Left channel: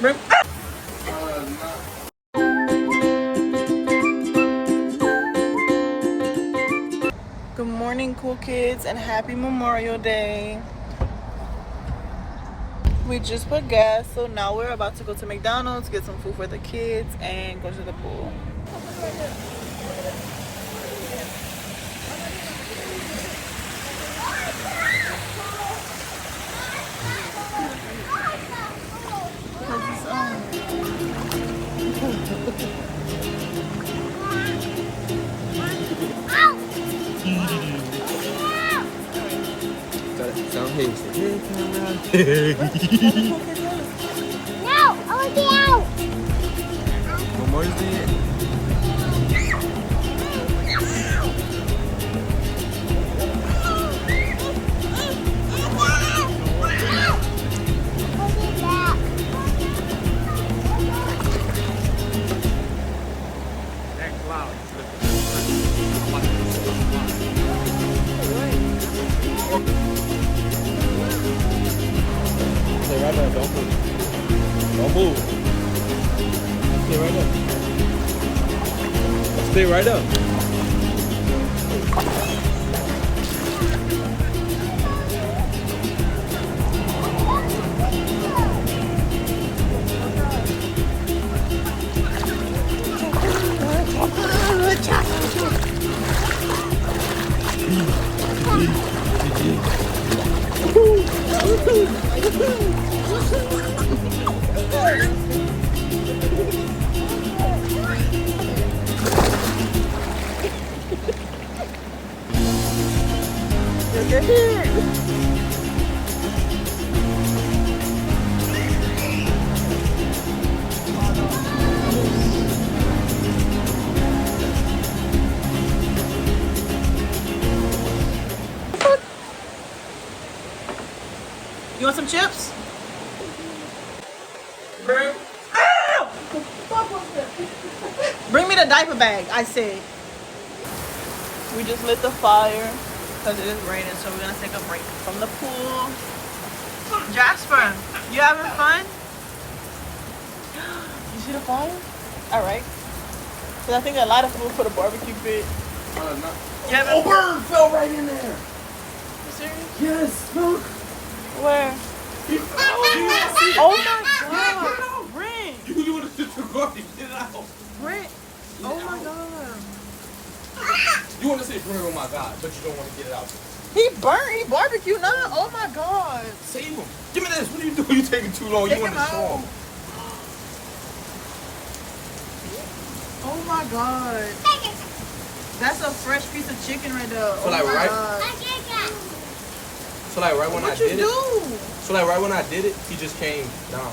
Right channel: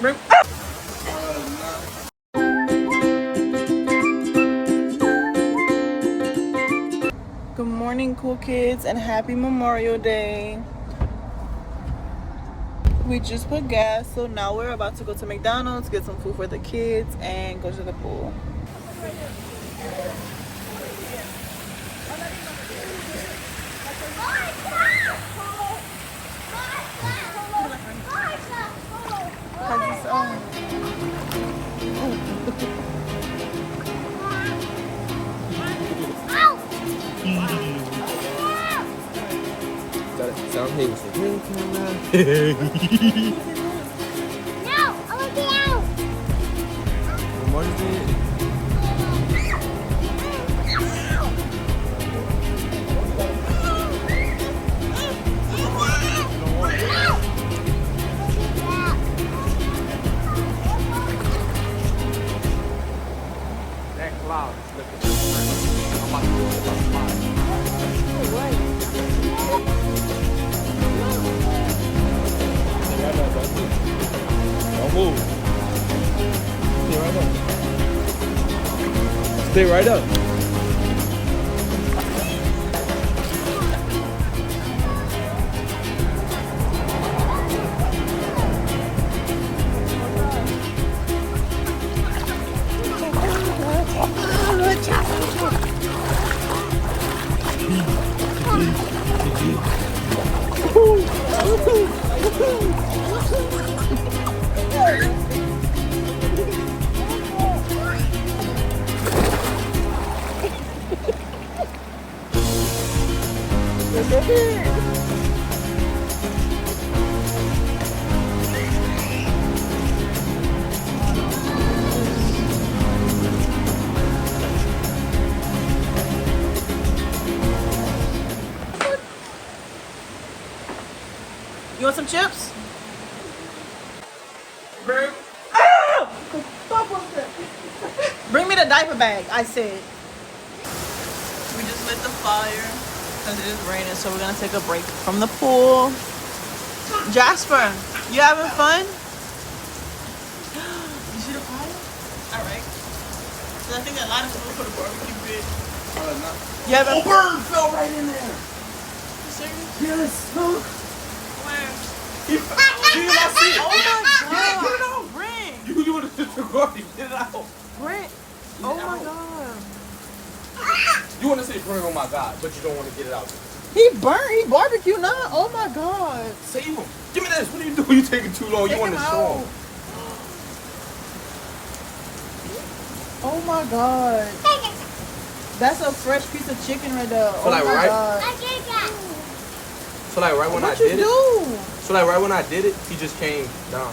Bring. Good morning, cool kids, and happy Memorial Day. We just put gas, so now we're about to go to McDonald's, get some food for the kids, and go to the pool. Got it. Sound hey, say hey, camera. No, I want to be out. Memorial Day. Stay right there, don't move. Don't move. Stay right there. Stay right there. You want some chips? Bring me the diaper bag, I said. We just lit the fire because it is raining, so we're gonna take a break from the pool. Jasper, you having fun? You see the fire? Alright. So I think a lot of people put a barbecue pit. Yeah, Oh, bird fell right in there. You serious? Yes, look. Where? He fell. Oh my god! Brent! You want to go? Get it out. Brent! Oh my god! You want to say, "Bring oh my God," but you don't want to get it out. He burnt. He barbecued now. Oh my god! Save him. Give me this. What are you doing? You taking too long. Take You want him to show out. him. Oh my god! That's a fresh piece of chicken right there. So, like, oh my right- god! So like right when What I you did do? it. So like right when I did it, he just came down.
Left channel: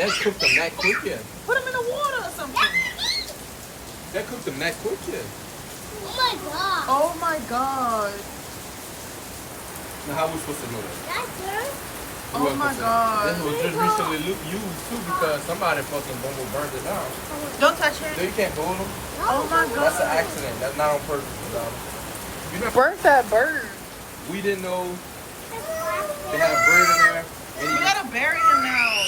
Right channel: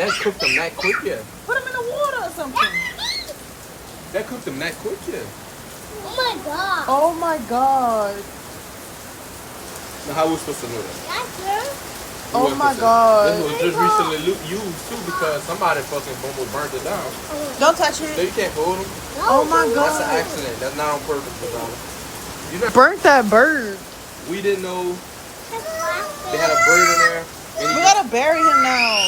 That cooked him that quick, yeah. Put him in the water or something. That cooked him that quick, yeah. Oh my god. Oh my god! Now how we supposed to know that? That's good. We Oh wasn't my supposed to- god! This was just recently used too because somebody fucking burned it down. Don't touch So it. you can't hold them. Oh my That's an god! accident. That's not on purpose, Madonna. You never. Burnt that bird. We didn't know they had a bird in there. And We he gotta bury him now.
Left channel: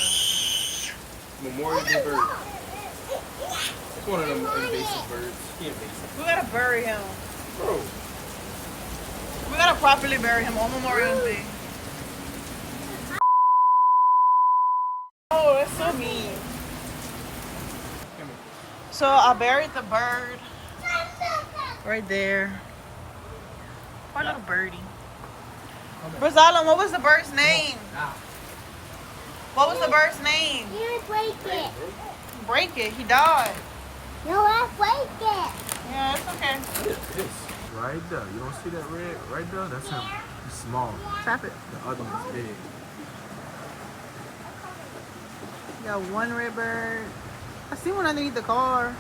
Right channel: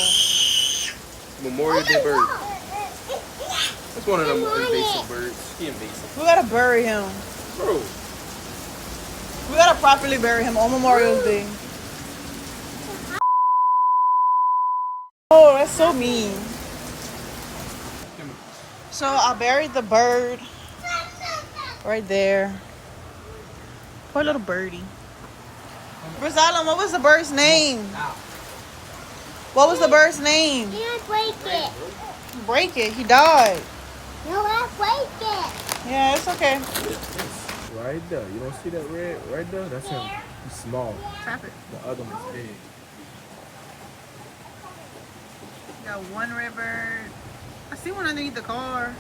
Memorial Day bird. It's one of them invasive birds. He invasive. We gotta bury him. Bro. We gotta properly bury him on Memorial Day. Oh, that's so mean. So I buried the bird right there. Poor little birdie. Rosalind, what was the bird's name? What was the bird's name? You don't break it. Break it. He died. No, I break it. Yeah, it's okay. Right there. You don't see that red right there? That's him. He's small. Tap it. The other one's big. Got one red bird. I see one underneath the car.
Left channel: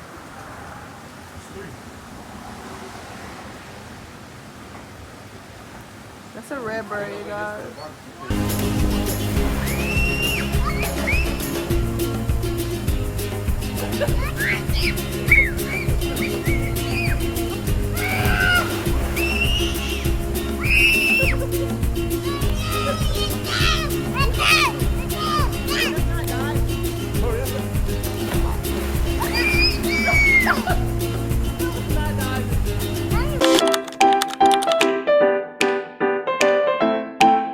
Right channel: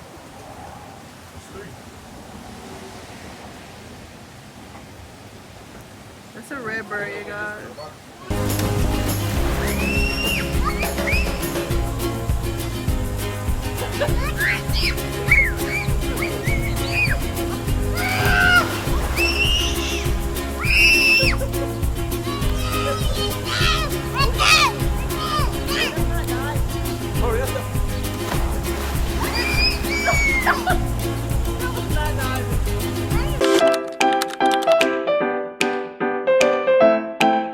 That's a red bird, you guys. out.